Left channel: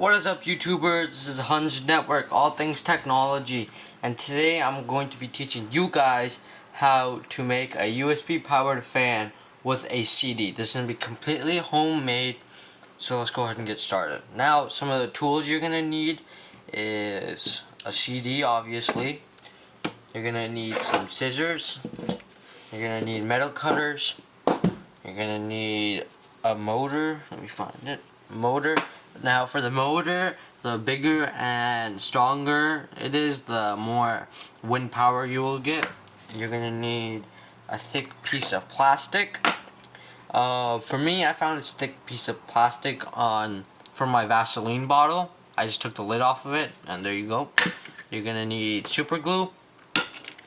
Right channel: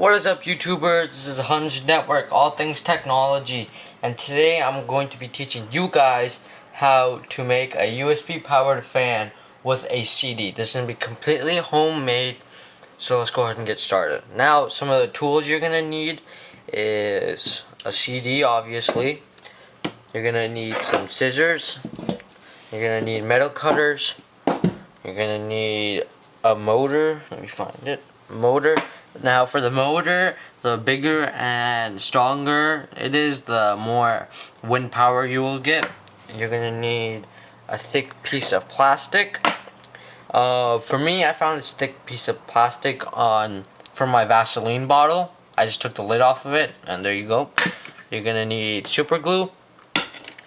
What is up, YouTubers? This is Hunch Network, all things technology, and today I'm going to be teaching you guys how to make a USB powered fan with a CD. This is going to be completely homemade, so let's go ahead and get started. Now, some of the tools you're going to need is a CD, obviously. You're going to need some scissors. You're going to need metal cutters. You're going to need a motor. Let me find it. Motor. Now for the motor, the bigger and stronger it is, the more wind power you will get. You're going to need a thick piece of plastic. For me, I found this thick piece of plastic from my Vaseline bottle. I just took the lid off of it, and there you go. You're going to need super glue,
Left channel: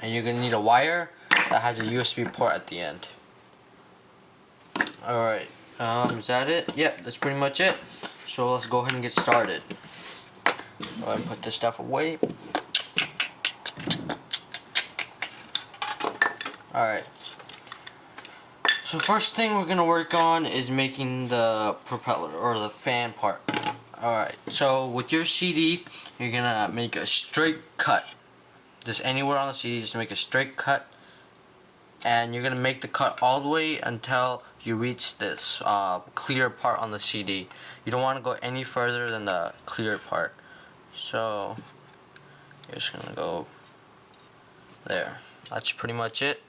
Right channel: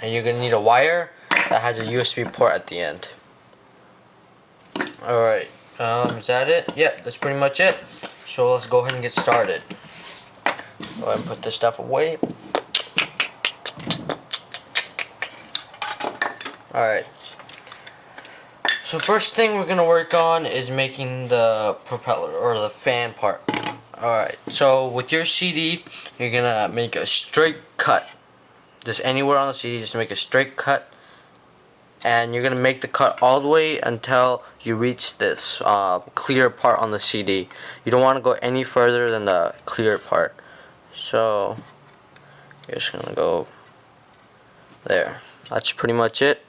and you're going to need a wire that has a USB port at the end. Alright, is that it? Yeah, that's pretty much it. So let's go ahead and get started. Go ahead and put this stuff away. Alright. So first thing we're going to work on is making the propeller, or the fan part. Alright, so with your CD, you're going to make a straight cut. Just anywhere on the CD, just make a straight cut. And you're going to make the cut all the way until you reach this clear part on the CD. You don't want to go any further than the clear part. So you're just going to go there. That's pretty much it.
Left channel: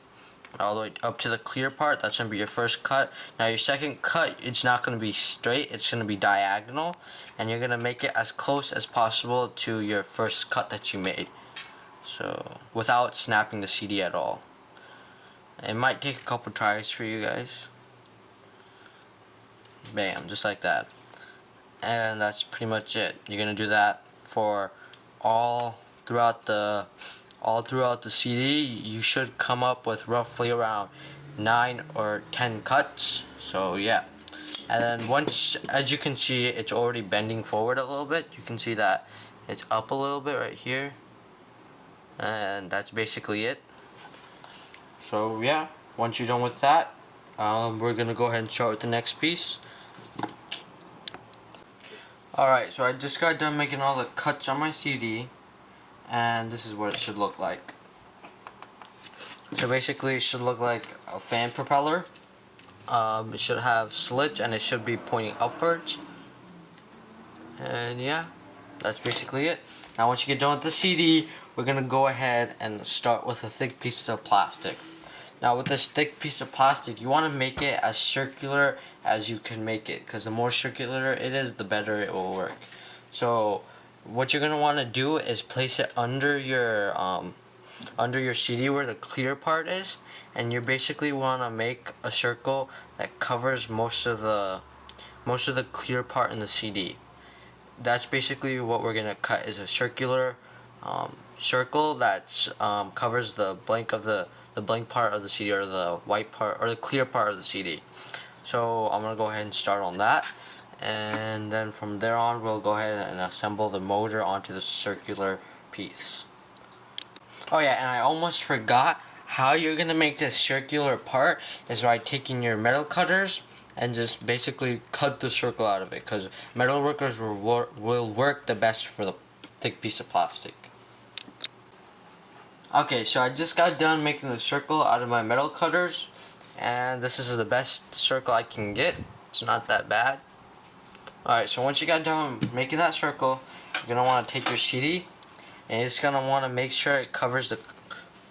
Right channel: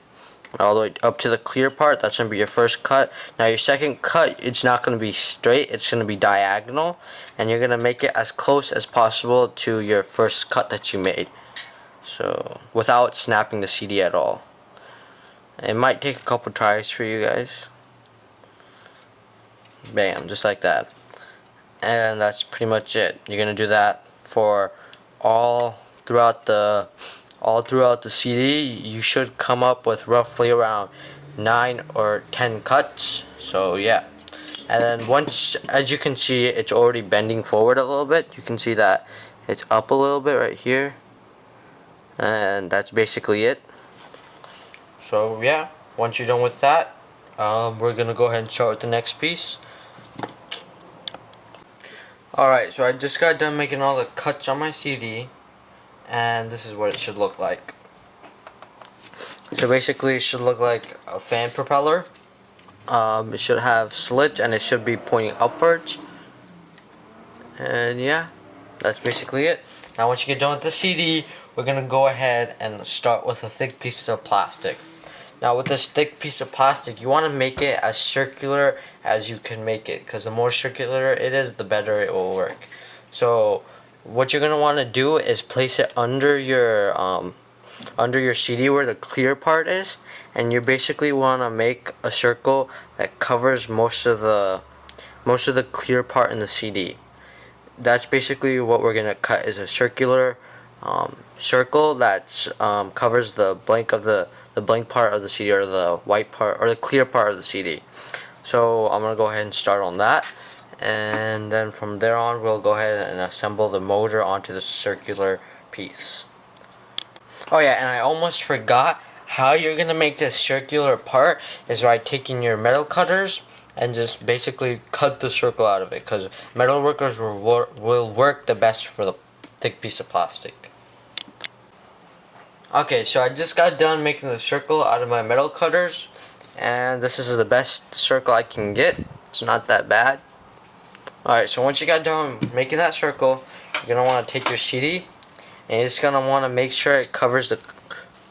All the way up to the clear part. That's going to be your first cut. Now your second cut, it's not going to be straight. It's going to be diagonal. And you're going to make it as close as possible to your first cut that you made. So without snapping the CD at all. It might take a couple tries for you guys. Bam, just like that. And that's pretty much it. You're gonna do that for all throughout the CD. You should come up with roughly around 9 or 10 cuts. So yeah. And then once, as you can see, it's already bending forward a little bit. You can see that it's up a little bit right here. And that's basically it. So yeah, once you're done with that, we're gonna go ahead and start with the next piece. Alright, so I just got done making all the cuts on my CD, and this is what it should look like. So basically it should look like a fan propeller. It should have slits and it should be pointing upwards. And yeah, that's basically it. Now once you get done with the CD, we're gonna go ahead and start with a thick piece of plastic. Now with this thick piece of plastic, you want to make it as circular as you can make it, because the more circular it is, the better it will work. So what you're going to want to do is place it under your CD where the clear part is, and you basically want to make a circle that covers most of the clear part in the CD. That's basically what we're going to cut, is a circular circle that covers the blank part of the CD, or the white part, or the clear part of the CD. So I'm going to go ahead and start on that, and then from there on we'll go ahead and assemble the motor onto the circular piece. Oh yeah, and I almost forgot, how you're going to make this circular part is by taking your metal cutters and just basically cut the circle out of it, because metal workers will work the best for the thick piece of plastic. Okay, so I just got done making the circle out of my metal cutters, and this is the best circle I can get. It's not that bad. Alright, so once you got done making that circle, you're going to want to take your CD, and you're just going to want to make sure it covers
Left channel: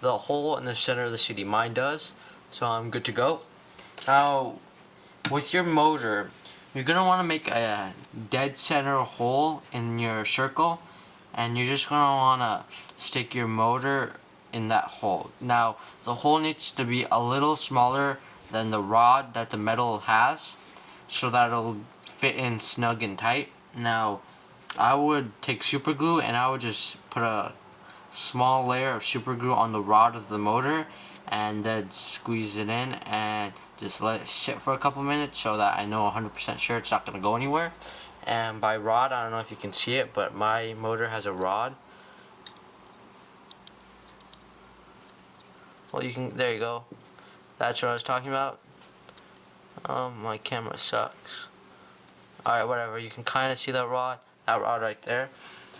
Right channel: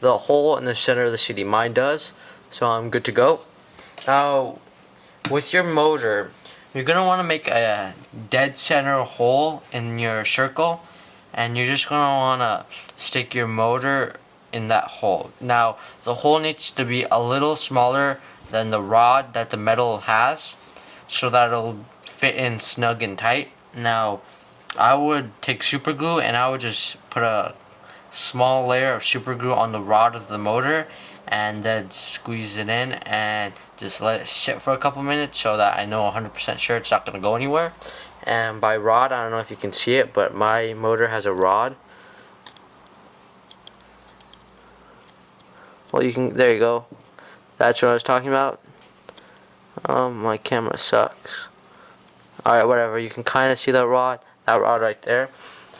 the hole in the center of the CD. Mine does, so I'm good to go. Now, with your motor, you're going to want to make a dead center hole in your circle, and you're just going to want to stick your motor in that hole. Now the hole needs to be a little smaller than the rod that the metal has, so that it'll fit in snug and tight. Now I would take super glue, and I would just put a small layer of super glue on the rod of the motor, and then squeeze it in and just let it sit for a couple minutes, so that I know 100% sure it's not going to go anywhere. And by rod, I don't know if you can see it, but my motor has a rod. Well, there you go. That's what I was talking about. My camera sucks. Alright, whatever. You can kind of see that rod. that rod right there.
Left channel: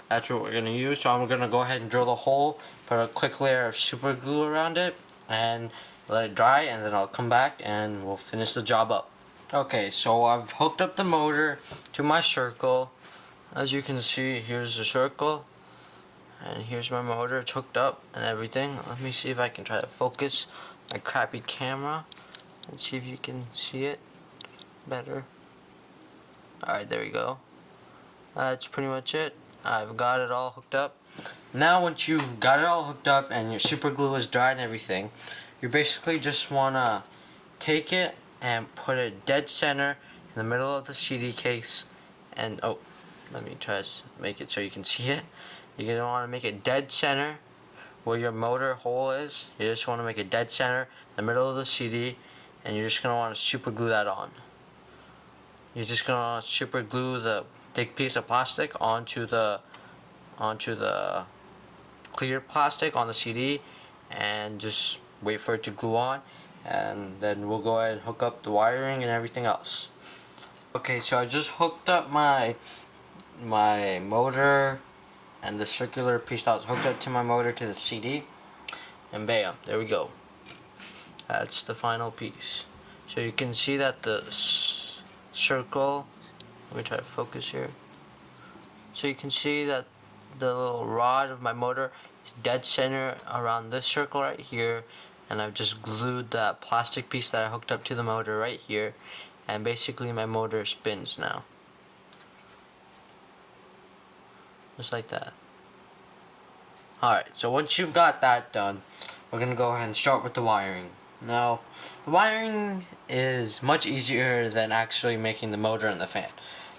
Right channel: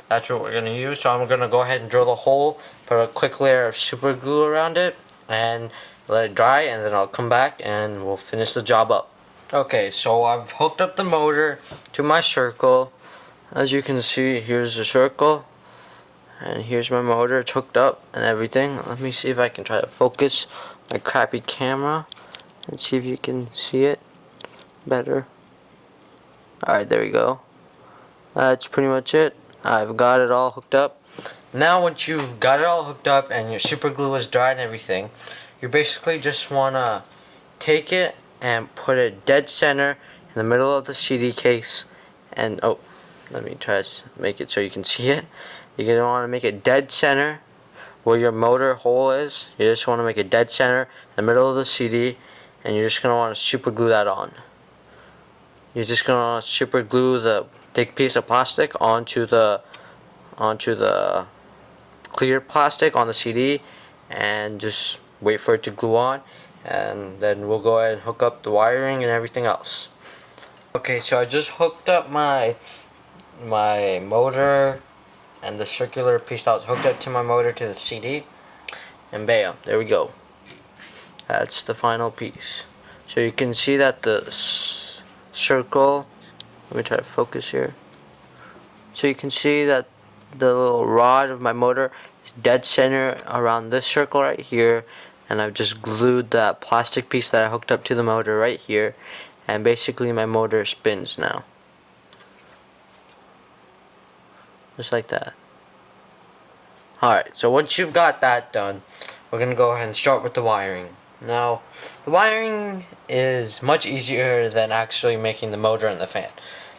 That's what we're going to use. So I'm going to go ahead and drill the hole, put a quick layer of super glue around it, and let it dry, and then I'll come back and we'll finish the job up. Okay, so I've hooked up the motor to my circle. As you can see, here's the circle, and here's my motor. It's hooked up and everything. Let me see if I can try to focus my crappy camera and see if you can see it better. Alright, there we go. That's pretty much it. I've got it all hooked up. Now once you've got it all hooked up and your super glue is dry and everything, you basically just want to take it and put it dead center in the middle of the CD case. And oh, let me try to make it so you can see it. You're going to want to make it dead center where your motor hole is. You just want to make it dead center in the middle of the CD, and you're just going to want to super glue that on. You're just going to want to super glue the thick piece of plastic onto the clear plastic on the CD, and just wait for it to glue on, and then we'll go ahead and hook up the wiring and everything else. Okay, so I just hooked up my motor and the circular piece that was hooked up to my motor to the CD, and bam, there we go. That's the final piece. So you can see that the circle, let me try to focus here. So you can see that the little rod of my motor is dead center around this circle right here, and I've just glued that plastic piece that I hooked up to the motor right here, and basically my motor spins now. Just like that. Alright, so once you've got that done, we're going to go ahead and start with the wiring. Now, the wiring is much easier than actually making the motor and the fan.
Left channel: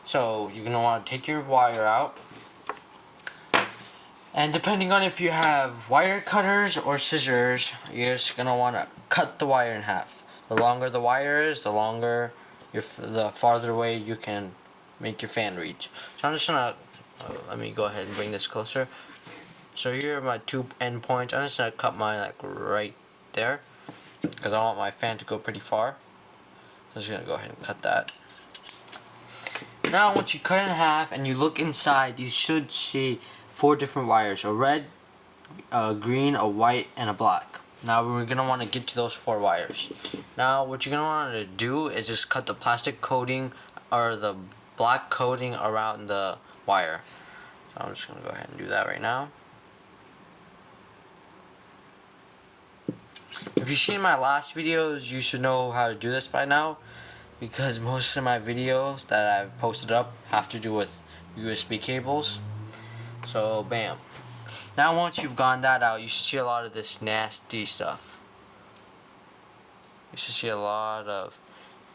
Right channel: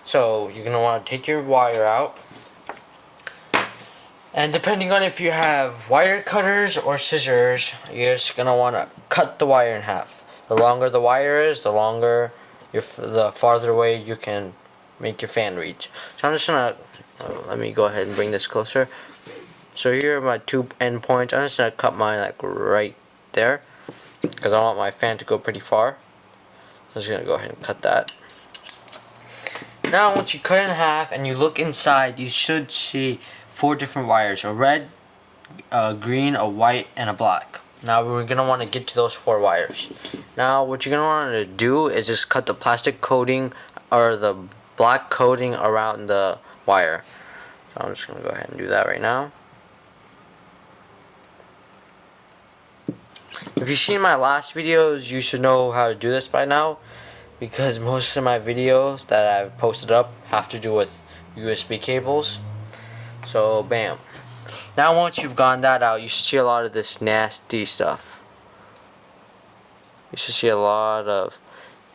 So, you're going to want to take your wire out, and depending on if you have wire cutters or scissors, you're just going to want to cut the wire in half. The longer the wire is, the farther away you can make your fan reach. So I'm just going to, let me go ahead and bring this closer. So here are my two end points. I'm just going to cut mine like right there, because I want my fan to go pretty far. So I'm just going to go ahead and cut that. Now once you cut it in half and you look inside, you should see 4 different wires: a red, a green, a white, and a black. Now we're going to want to get to those 4 wires. Now what you're going to want to do is just cut the plastic coating or the black coating around the wire. So I'm just going to go ahead and do that right now. If you've seen my last videos, you should know how to do this by now, because most of my videos that I've posted up have to do with USB cables. So bam. Now once you've gotten that out, you should see a lot of this nasty stuff. You should see a lot of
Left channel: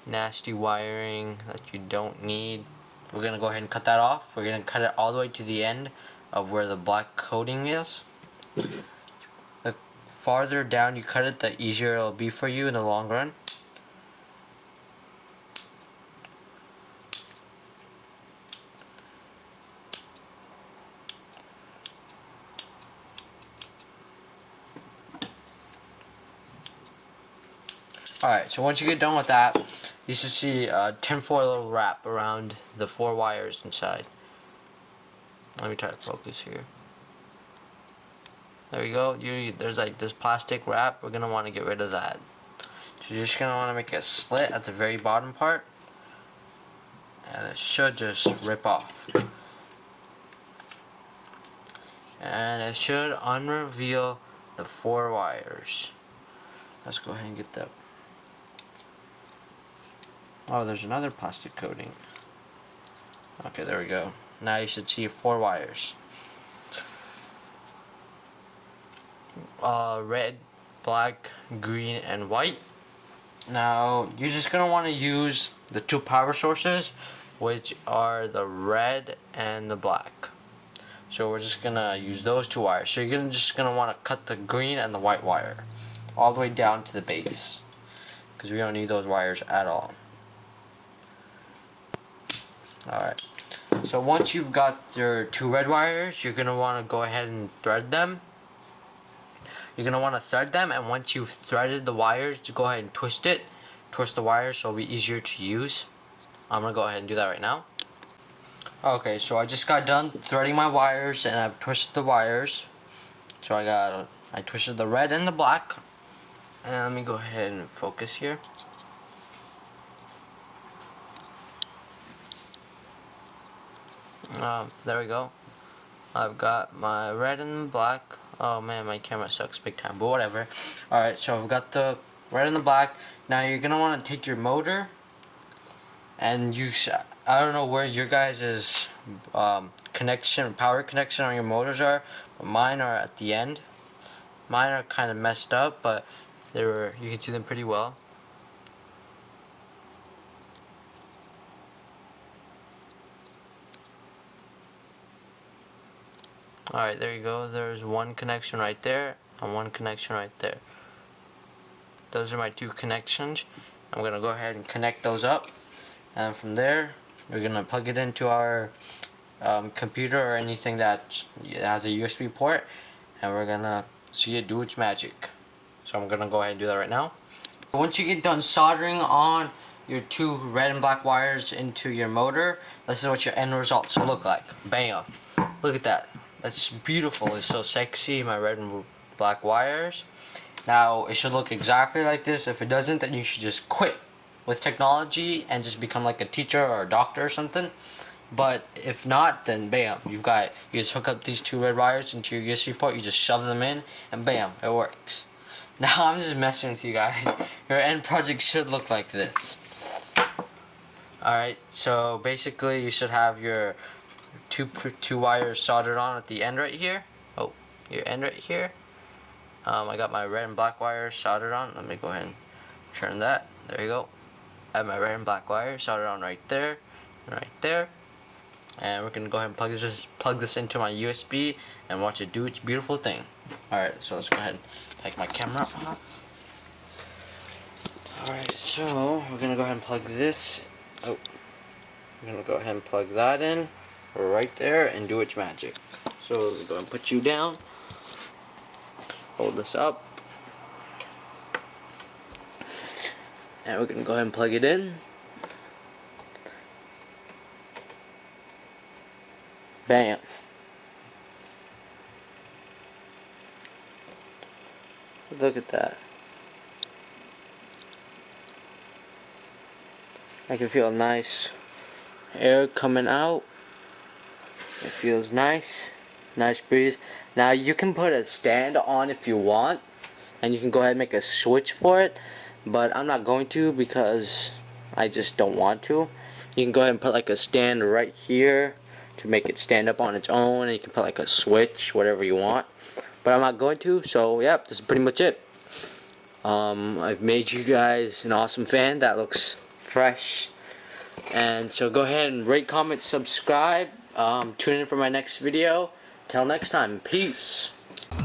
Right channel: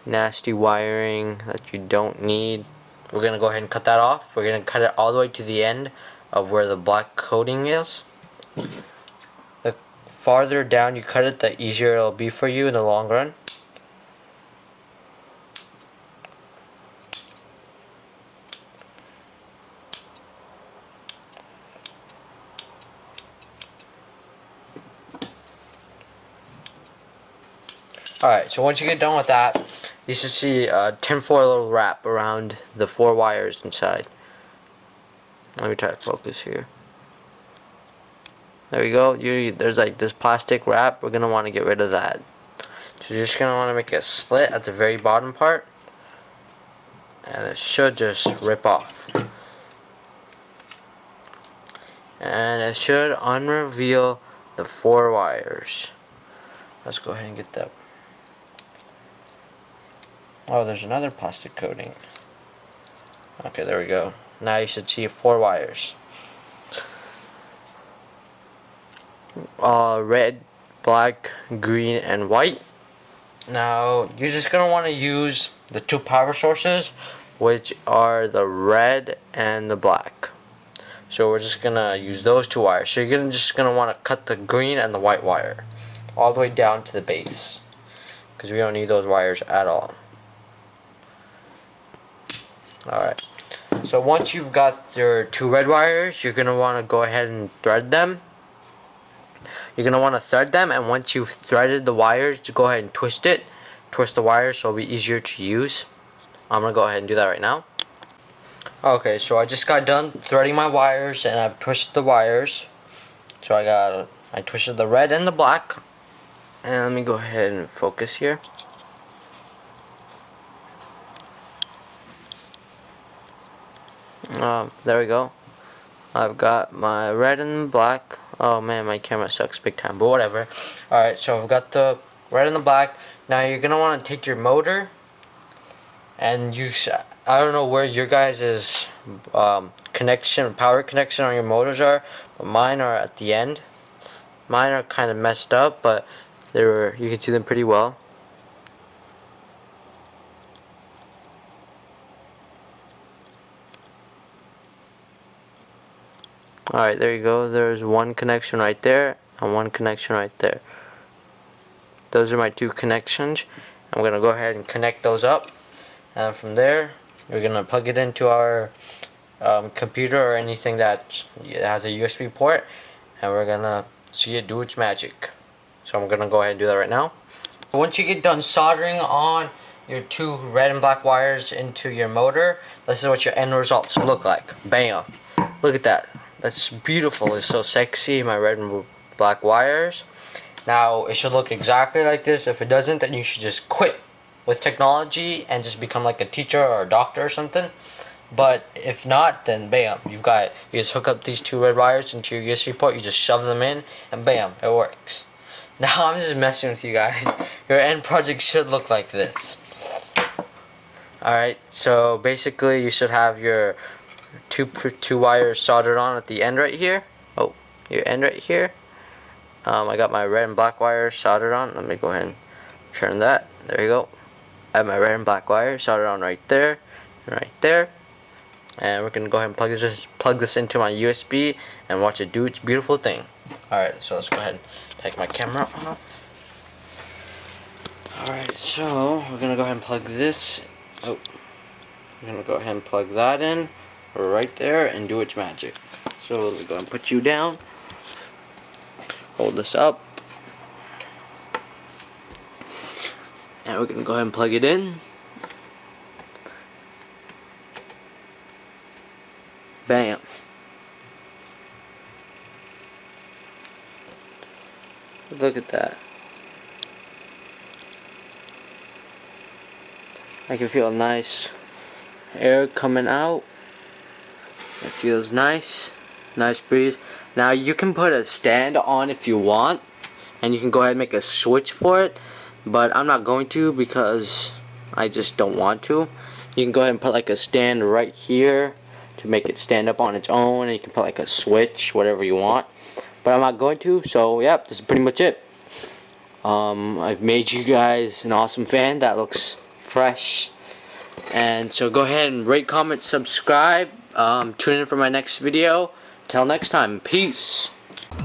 nasty wiring that you don't need. We're going to go ahead and cut that off. We're going to cut it all the way to the end of where the black coating is. The farther down you cut it, the easier it'll be for you in the long run. Alright, so once you get done with that, you should see a tinfoil wrap around the 4 wires inside. Let me try to focus here. There we go. There's like this plastic wrap. We're going to want to get rid of that. So you're just going to want to make a slit at the very bottom part, and it should just rip off. And it should unreveal the 4 wires. Let's go ahead and get that. Oh, there's another plastic coating. Okay, there we go. Now you should see 4 wires. Red, black, green, and white. Now, you're just going to want to use the 2 power sources, which are the red and the black. So we're just going to use those 2 wires. So you're just going to want to cut the green and the white wire all the way down to the base, because we don't need those wires at all. Alright, so once you've got your 2 red wires, you're going to want to go ahead and thread them. You're going to want to thread them, and once you've threaded the wires, to go ahead and twist it. Twist the wires so it'll be easier to use. I'm going to go ahead and do that right now. Okay, so I just got done threading my wires and I've twisted the wires. So I twisted the red and the black. And let me go ahead and focus here. There we go. I've got my red and black. Oh man, my camera sucks big time, but whatever. Alright, so I've got the red and the black. Now you're going to want to take your motor and I don't know where your guys' power connection on your motors are, but mine are at the end. Mine are kind of messed up, but you can see them pretty well. Alright, there you go. There's one connection right there and one connection right there. Those are my two connections. I'm going to go ahead and connect those up. And from there, we're going to plug it into our computer or anything that has a USB port. And we're going to see it do its magic. So I'm going to go ahead and do that right now. Once you get done soldering on your two red and black wires into your motor, this is what your end results look like. Bam! Look at that. That's beautiful. It's so sexy, my red and black wires. Now, it should look exactly like this. If it doesn't, then you should just quit with technology and just become like a teacher or a doctor or something. But if not, then bam, you just hook up these two red wires into your USB port, you just shove them in, and bam, it works. Now, I'm just messing with you guys. Your end project should look like this. Alright, so basically you should have your two wires soldered on at the end right here. Oh, your end right here. I got my red and black wires soldered on. Let me go ahead and turn that. There you go. I have my red and black wire soldered on right there and right there. And we're going to go ahead and plug this into my USB and watch it do its beautiful thing. Alright, so let's go ahead and take my camera off. Alright, so we're going to go ahead and plug this. Oh, we're going to go ahead and plug that in right there and do its magic. So let me go ahead and put you down. Hold this up. And we're going to go ahead and plug it in. Bam. Look at that. I can feel nice air coming out. It feels nice. Nice breeze. Now you can put a stand on if you want, and you can go ahead and make a switch for it, but I'm not going to because I just don't want to. You can go ahead and put like a stand right here to make it stand up on its own, and you can put like a switch, whatever you want, but I'm not going to. So yep, this is pretty much it. I've made you guys an awesome fan that looks fresh, and so go ahead and rate, comment, subscribe. Tune in for my next video. Till next time, peace. I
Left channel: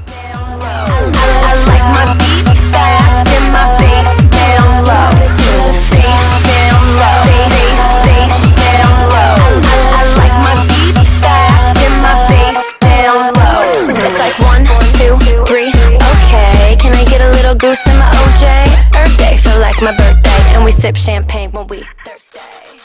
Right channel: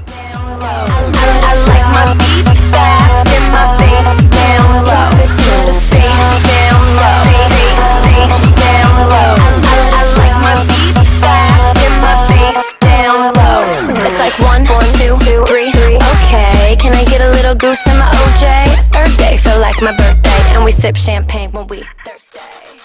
like my beats fast and my bass down low. Bass down low. Bass down low. I like my beats fast and my bass down low. It's like 1, 2, 3. Okay, can I get a little goose in my OJ? Earth Day, feel like my birthday, and we sip champagne when we